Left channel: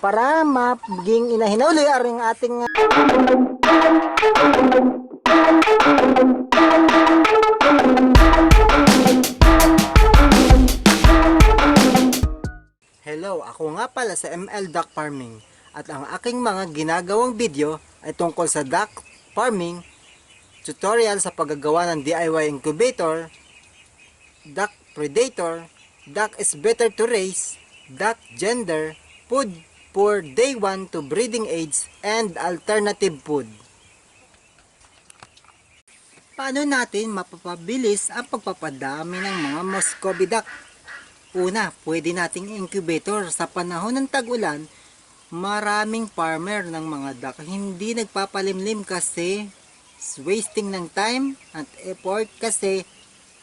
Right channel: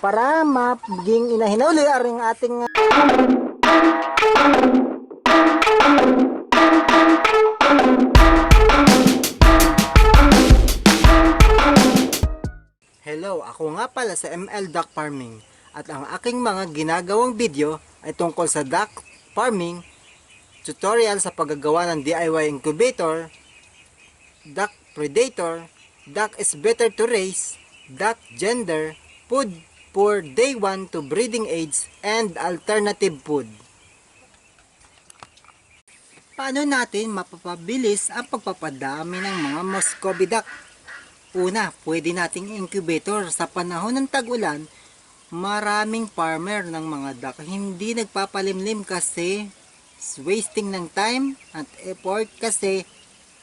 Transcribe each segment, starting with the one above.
para maging inahin uli aring ating Hello, ako nga pala sa ML Duck Farming at ang aking mga ginagawang video ay tungkol sa duck farming, tutorial sa paggagawa ng DIY incubator, duck predator, duck is better to raise, duck gender, food for day 1 to breeding age, and alternative food. Paano natin mapapabilis ang pagpapadami ng mga Muscovy duck? Una, pwede nating incubator. Sa panahon ng tag-ulan, maraming farmer ng mga duck hindi nagpapalimlim kasi wasting ng time at effort kasi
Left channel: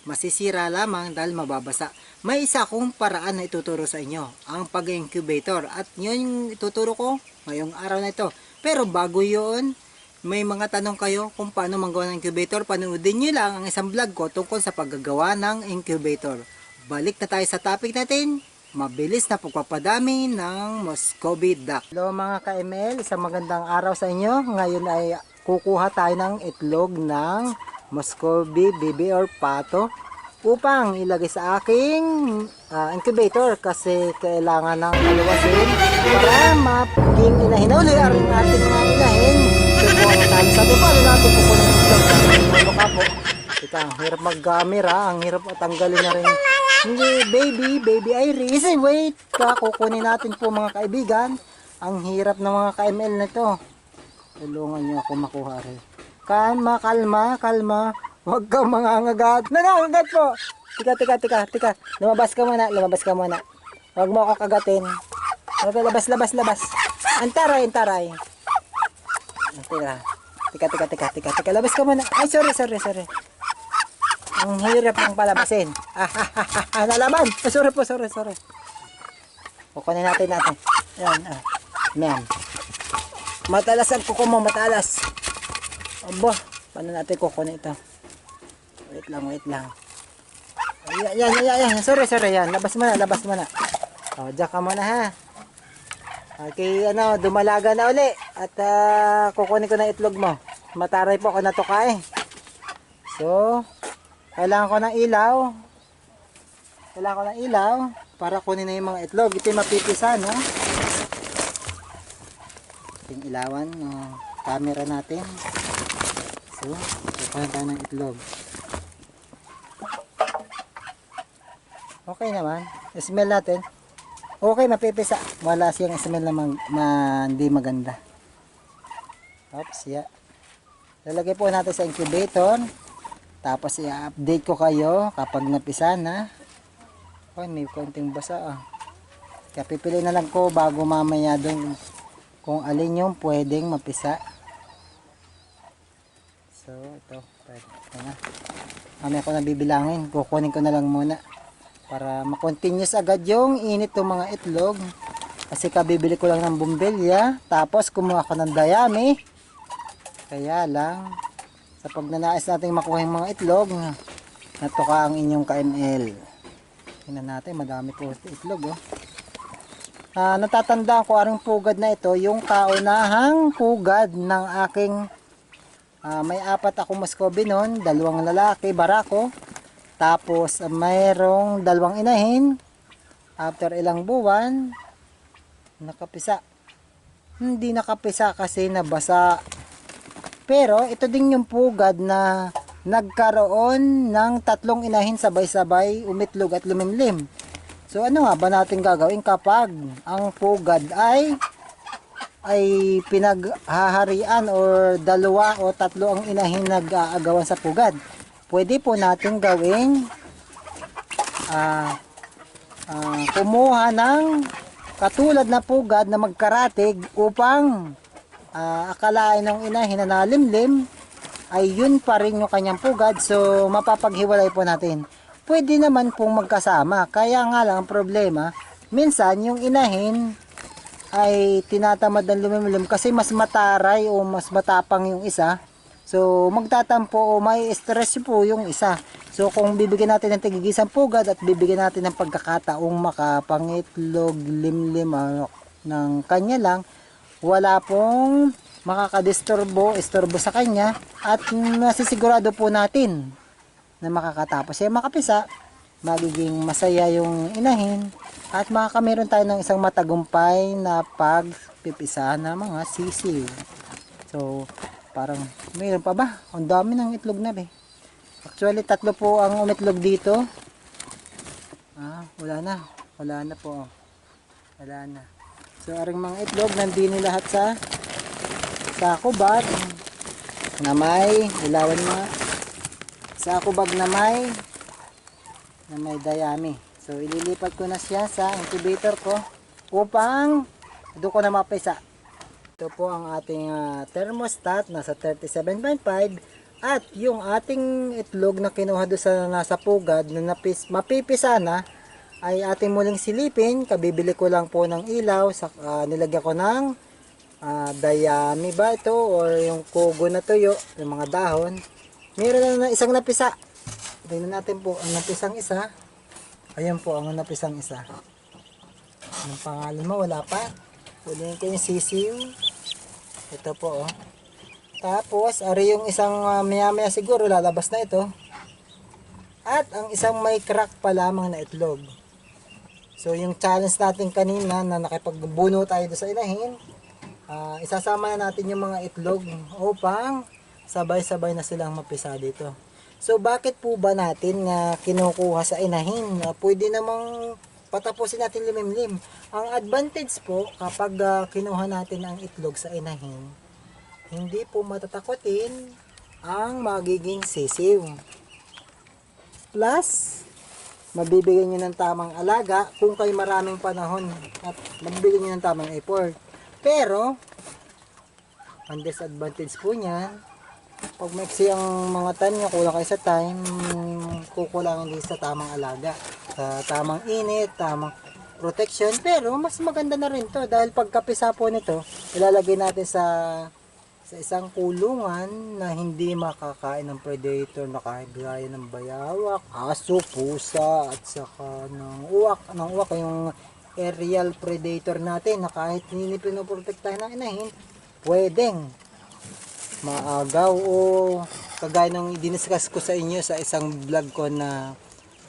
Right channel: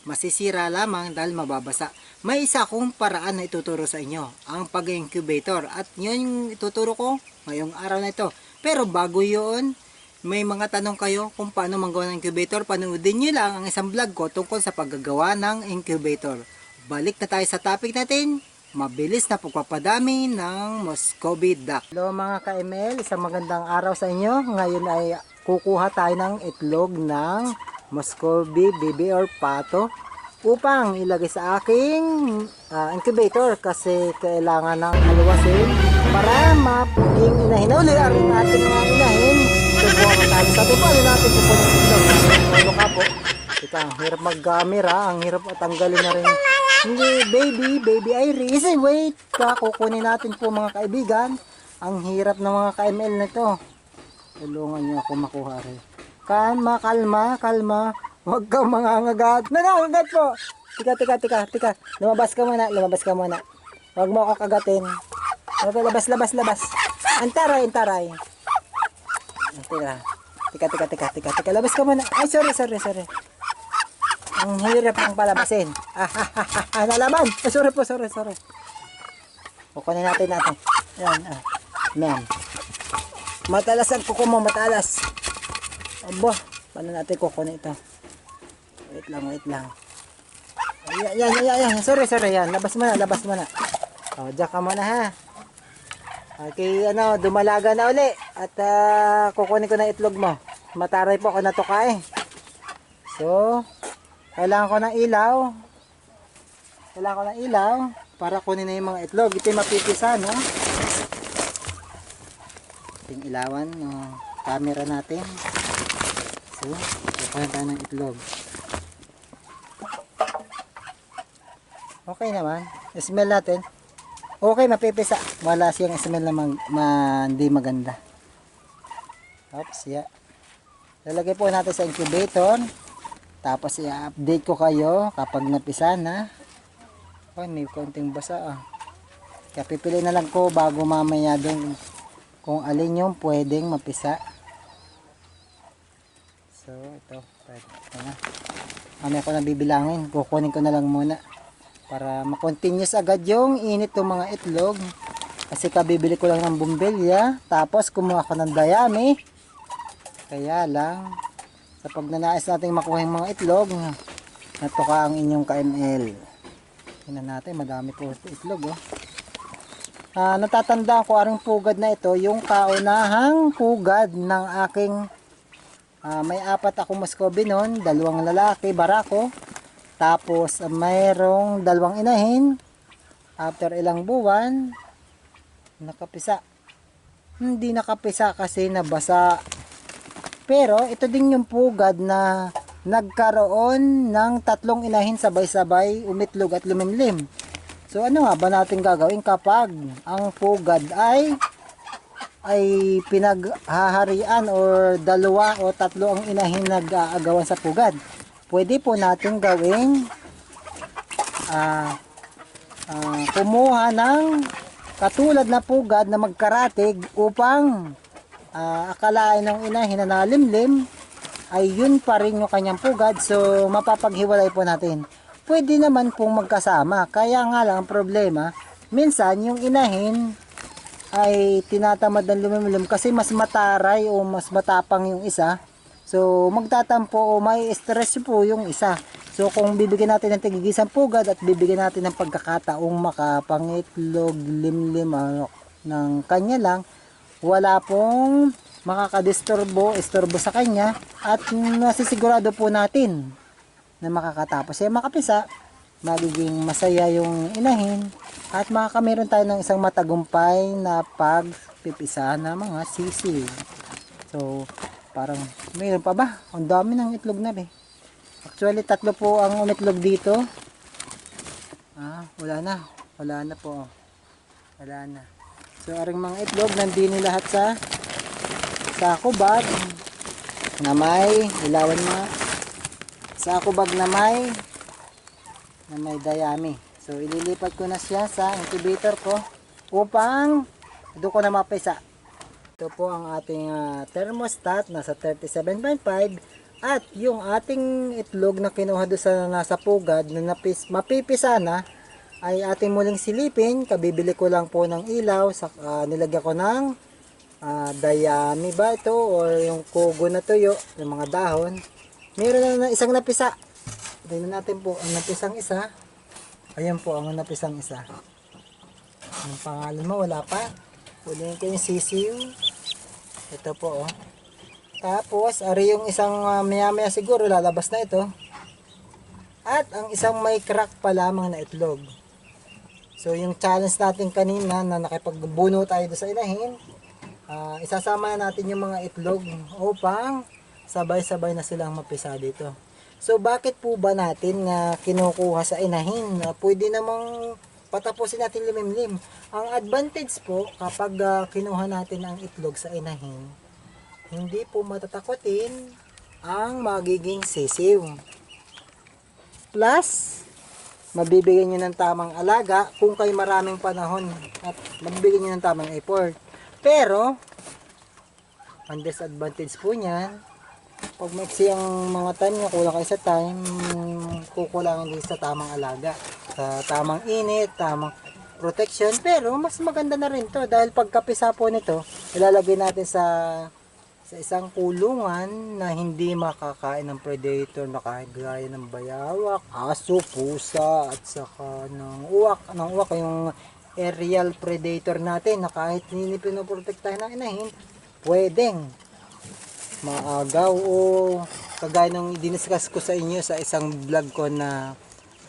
masisira lamang dahil mababasa. May isa kong paraan na ituturo sa inyo, ang pag-incubator, at yun yung ituturo ko ngayong araw na ito. Pero bago yun, may mga tanong kayo kung paano magawa ng incubator, panoodin nyo lang ang isang vlog ko tungkol sa paggagawa ng incubator. Balik na tayo sa topic natin, mabilis na pagpapadami ng Muscovy duck. Hello mga ka-ML, isang magandang araw sa inyo. Ngayon ay kukuha tayo ng itlog ng Muscovy baby or pato upang ilagay sa aking incubator kasi kailangan ng maluwasin para maging inahin uli ang ating mga inahin. Subukan tayo sa atin, paano natin kukunin ng itlog? Kapo. Ika, ang hirap mag-camera, ang hirap tanggalin na rin. Hindi, baby Iris, wait, kukunin natin po mga kaibigan. Ang hirap ng mga ka-ML na ito. Tulungan niyo ako makuha rin. Kalma. Huwag kang mangangagat. Nangangagat po. Tika. Lumabas ka muna. Huwag mo ako kagatin. Labas. Antaray. Tika. Labas ka muna. Ay, sorry. Ang hirap ng palabasin. Nalaman. Sorry. Kukunin natin. Yan. Yan. Matalas ang kuko mo, matalas. Aba, paano natin kukunin ito? Wait lang. Yan. Sorry. Yan. Labas mo na. O, diyan ka muna ha. Okay, dumalaga na uli. At kukunin ko na itlog mo. Mataray po ako natuka eh. So, kailangan ko ng ilaw para kunin na yung mga itlog. Ito yung mapipisa, no? Ito yung ilawan ng camera natin. So, kukunin tayo ng itlog. Okay naman. Smell natin. Okay, mapipisa. Wala siyang smell na hindi maganda. Oops, yeah. Lalagay po natin sa incubator. Tapos i-update ko kayo kapag napisa na. Ay, may konting basa Kaya pipili na lang ko bago mamaya doon kung alin yung pwedeng mapisa. So, ito na. Mamaya ko na bibilangin. Kukunin ko na lang muna para makontinuous agad yung init ng mga itlog. Kasi kabibili ko lang ng bumbilya. Tapos kumuha ko ng dayami. Kaya lang sa pag nanais natin makuha yung mga itlog, natuka ang inyong ka-ML. Tingnan natin, madami po itlog natatandaan ko aring pugad na ito, yung kaunahang pugad ng aking may 4 akong Muscovy noon, 2 lalaki, barako. Tapos mayroong 2 inahin. After ilang buwan, nakapisa. Hindi nakapisa kasi nabasa. Pero ito din yung pugad na nagkaroon ng 3 inahin sabay-sabay umitlog at lumimlim. So ano nga ba natin gagawin kapag ang pugad ay pinaghaharian or 2 o 3 ang inahin nag-aagawan sa pugad? Pwede po natin gawing kumuha ng katulad na pugad na magkaratig upang akalain ng inahin na nalimlim ay yun pa rin yung kanyang pugad. So mapapaghiwalay po natin. Pwede naman pong magkasama. Kaya nga lang ang problema, minsan yung inahin ay tinatamad ng lumimlim kasi mas mataray o mas matapang yung isa. So magtatampo o may stress po yung isa. So kung bibigyan natin ng tigigisang pugad at bibigyan natin ng pagkakataong makapangitlog, limlim, ng kanya lang, wala pong istorbo sa kanya, at nasisigurado po natin na makakatapos siya makapisa, magiging masaya yung inahin, at makakameron tayo ng isang matagumpay na pagpipisa ng mga sisiw. So, parang mayroon pa ba? Ang dami ng itlog na rin. Actually, 3 po ang umitlog dito. Wala na po. Wala na. So, aring mga itlog, nandini lahat sa sako bag na may ilawan mga sako bag na may dayami. So, ililipat ko na siya sa incubator ko upang doon ko na mapisa. Ito po ang ating thermostat, nasa 37.5, at yung ating itlog na kinuha doon sa nasa pugad na mapipisa na ay ating muling silipin. Kabibili ko lang po ng ilaw, nilagyan ko ng dayami ba ito or yung kugo na tuyo, yung mga dahon. Meron na isang napisa. Tingnan natin po ang napisang isa. Ayan po ang napisang isa. Anong pangalan mo? Wala pa. Ulihin ko yung sisiw. Ito po oh. Tapos ari yung isang maya maya siguro lalabas na ito. At ang isang may crack pa lamang na itlog. So yung challenge natin kanina na nakipagbuno tayo sa inahin, isasama na natin yung mga itlog upang sabay-sabay na silang mapisa dito. So bakit po ba natin kinukuha sa inahin? Pwede namang patapusin natin limimlim. Ang advantage po kapag kinuha natin ang itlog sa inahin, hindi po matatakotin ang magiging sisiw. Plus, mabibigyan nyo ng tamang alaga kung kayo maraming panahon at mabibigyan nyo ng tamang effort. Pero, ang disadvantage po niyan, pag maiksi ang mga tanya, kulang kayo sa time, kukulangin din sa tamang alaga, sa tamang init, tamang protection. Pero mas maganda na rin to dahil pagkapisa po nito, ilalagay natin sa isang kulungan na hindi makakain ng predator na kagaya ng bayawak, aso, pusa, at saka ng uwak yung aerial predator natin na kahit hindi pinoprotektahan ng inahin, pwedeng maagaw o kagaya ng diniscuss ko sa inyo sa isang vlog ko na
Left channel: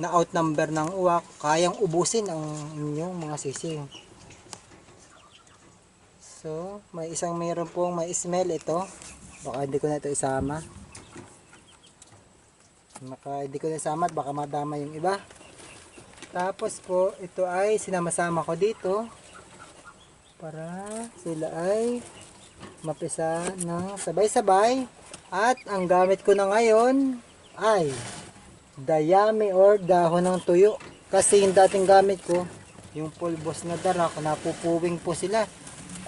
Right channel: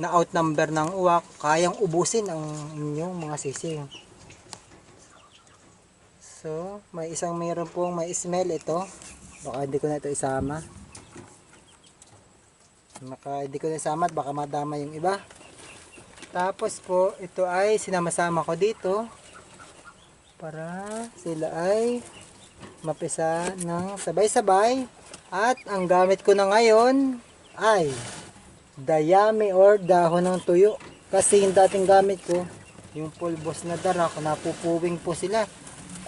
outnumber ng uwak, kayang ubusin ang inyong mga sisiw. So, mayroon pong may smell ito. Baka hindi ko na ito isama. At baka madama yung iba. Tapos po, ito ay sinama-sama ko dito para sila ay mapisa ng sabay-sabay. At ang gamit ko na ngayon ay dayami or dahon ng tuyo. Kasi yung dating gamit ko, yung pulbos na darak, napupuwing po sila.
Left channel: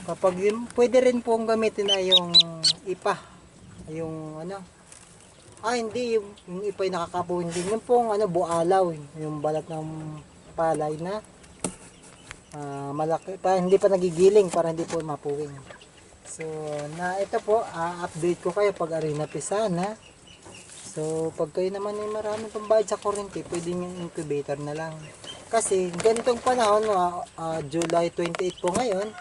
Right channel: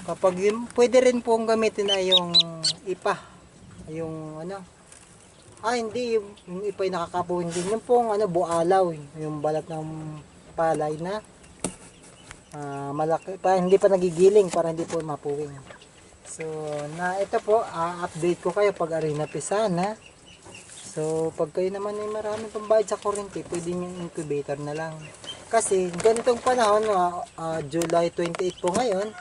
Kapag pwede rin pong gamitin na yung ipa. Yung hindi, yung ipa yung nakakapuwing din. Yung pong bualaw, yung balat ng palay na malaki pa, hindi pa nagigiling para hindi po mapuwing. So, ito po, update ko kayo pag ari napisa na. So, pag kayo naman ay maraming pambayad sa kuryente, pwede yung incubator na lang. Kasi, ganitong panahon, July 28 po ngayon,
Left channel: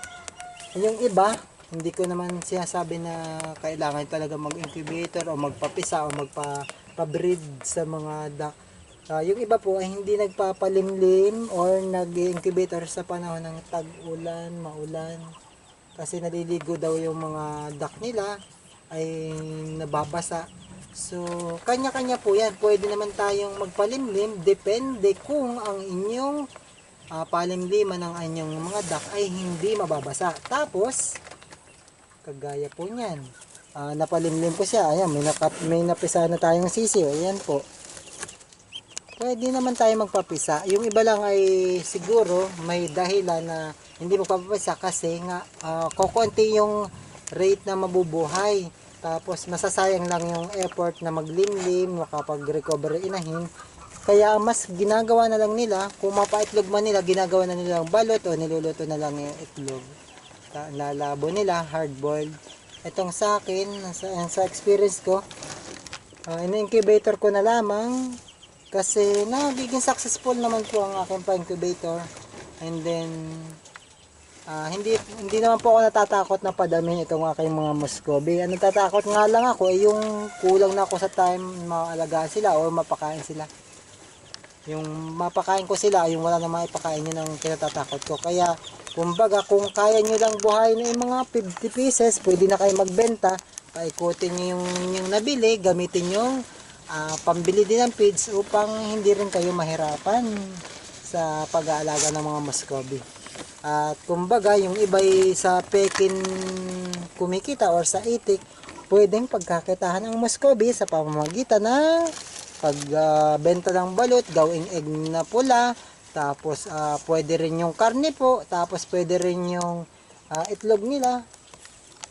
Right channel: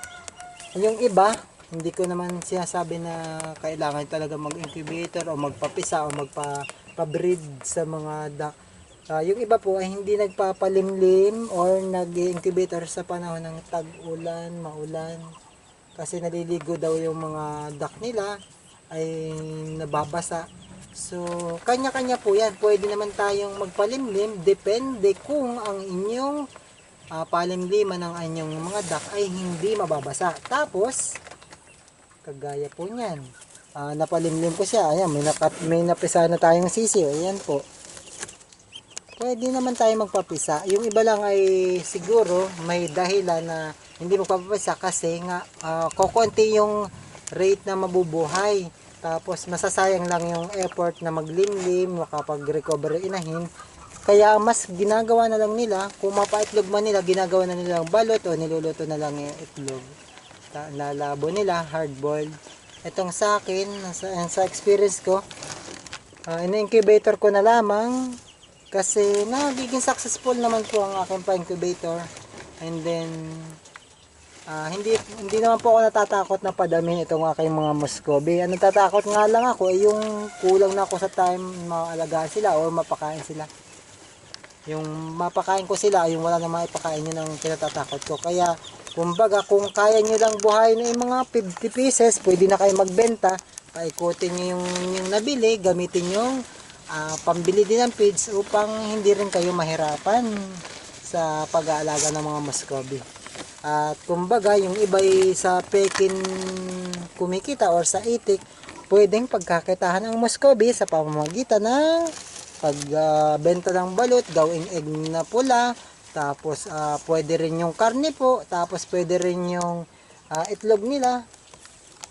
yung iba, hindi ko naman sinasabi na kailangan talaga mag-incubator o magpapisa o magpa-breed sa mga duck. Yung iba po ay hindi nagpapalimlim or nag-incubator sa panahon ng tag-ulan, maulan. Kasi naliligo daw yung mga duck nila ay nababasa. So, kanya-kanya po yan. Pwede naman tayong magpalimlim. Depende kung ang inyong palimliman ng inyong mga duck ay hindi mababasa. Tapos, kagaya po niyan. Napalimlim ko siya. Ayan, may napisa na tayong sisiw. Ayan po. Pwede naman tayo magpapisa. Yung iba lang ay siguro may dahilan na hindi magpapapisa kasi nga kukunti yung rate na mabubuhay. Tapos masasayang lang yung effort na maglimlim, makapag-recover inahin. Kaya mas ginagawa na lang nila, kung mapaitlog man nila, ginagawa na nila ang balot o niluluto na lang yung itlog. Lalabo nila, hard boiled. Itong sa akin, sa experience ko, in-incubator ko na lamang kasi nagiging successful naman po ang aking pa-incubator. And then, Hindi naman po ako natatakot na padamin itong aking mga Muscovy. Ang natatakot nga lang ako ay yung kulang na ako sa time maalagaan sila o mapakain sila. Yung mapakain ko sila, yung wala na maipakain, yun ang kinatatakot ko. Kaya kumbaga kung kaya nyo lang buhayin ng mga 50 pieces, pwede na kayo magbenta. Paikutin nyo yung nabili, gamitin yung pambili din ng feeds upang hindi rin kayo mahirapan sa pag-aalaga ng mga Muscovy. At kumbaga yung iba'y sa pekin kumikita or sa itik, pwedeng pagkakitahan ang Muscovy sa pamamagitan ng pagbenta ng balot, gawing egg na pula, tapos pwede rin yung karne po, tapos pwede rin yung itlog nila,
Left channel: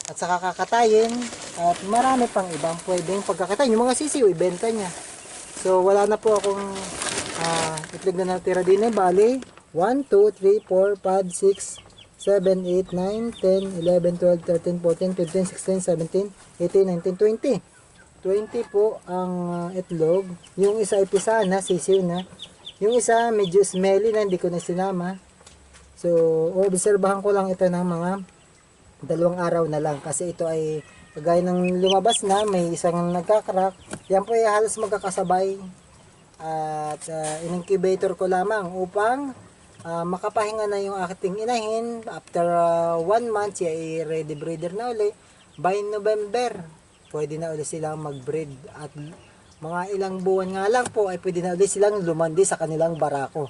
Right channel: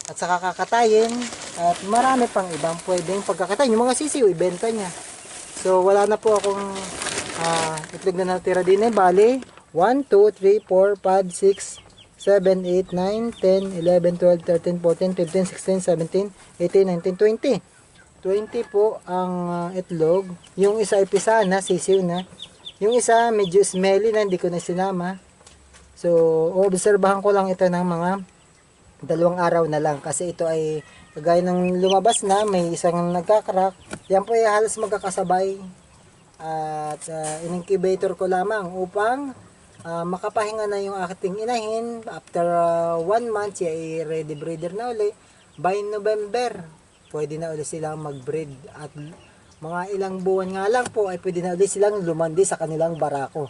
at saka kakatayin, at marami pang ibang pwedeng pagkakatayin. Yung mga sisiw, ibenta niya. So wala na po akong itlog na natira din eh, bali 1, 2, 3, 4, 5, 6, 7, 8, 9, 10, 11, 12, 13, 14, 15, 16, 17, 18, 19, 20. 20 po ang itlog. Yung isa ay pisa na, sisiw na. Yung isa medyo smelly na, hindi ko na sinama. So, obserbahan ko lang ito ng mga 2 araw na lang. Kasi ito ay kagaya ng lumabas na, may isang nagkakrak. Yan po ay halos magkakasabay. At in-incubator ko lamang upang makapahinga na yung aking inahin. After 1 month, siya ay ready breeder na uli. By November, pwede na uli silang mag-breed. At mga ilang buwan nga lang po ay pwede na uli silang lumandi sa kanilang barako.